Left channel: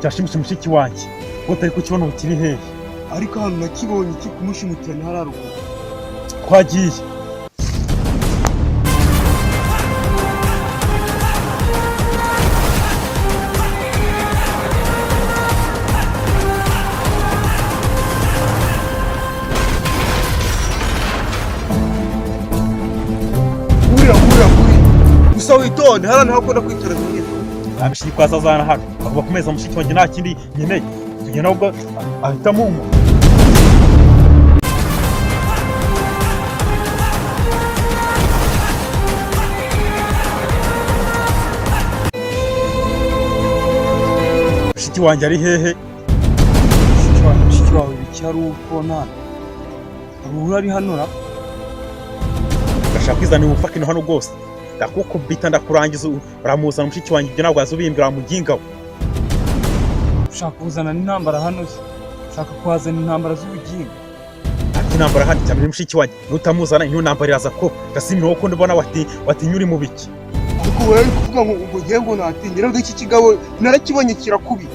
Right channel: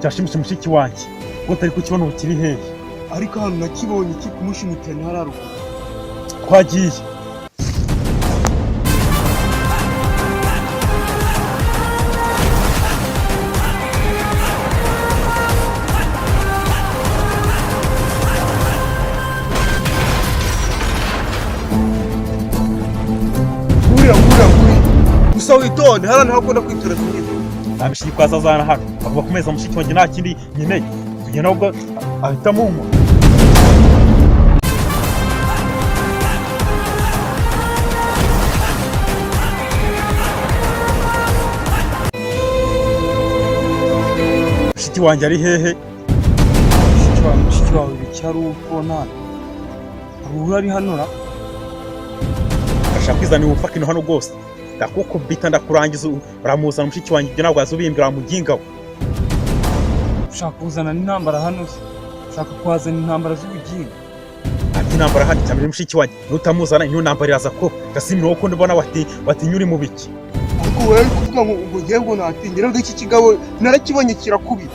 cyashimisha mushiki wanjye utari kukibona ubu kiri hehe ariko hano nakibonye kikumushimitira ni hararuguru twagiye guri gusa witonde hano hakunda kwitora zimwe abishyi kwazazana hano agomba kumeza mushiki wanjye nta kindi nkeneye tugenda ahubwo ahitamo umuntu mushiki wanjye ari hehe mushiki wawe bicyari ukubona hari ari hano ra ndashaka kwizanira ubufakino hano rwose ndakukubita ndakurangiza uramuzana mushiki wanjye ibyo ntabwo wazubimbira wamugingaho ushaka kuzana n'intambara hano se ushaka kuhazana intambara z'ubugingo ati intambara hano cyane mushiki wanjye nutamuzana iyo ntambara iraza ko gasimira wowe ko ndabona watinya uri mu biki ariko wowe uri kuvuga ngo ngiye ngo natingira ngo iki kigabo narakibonye kirakubita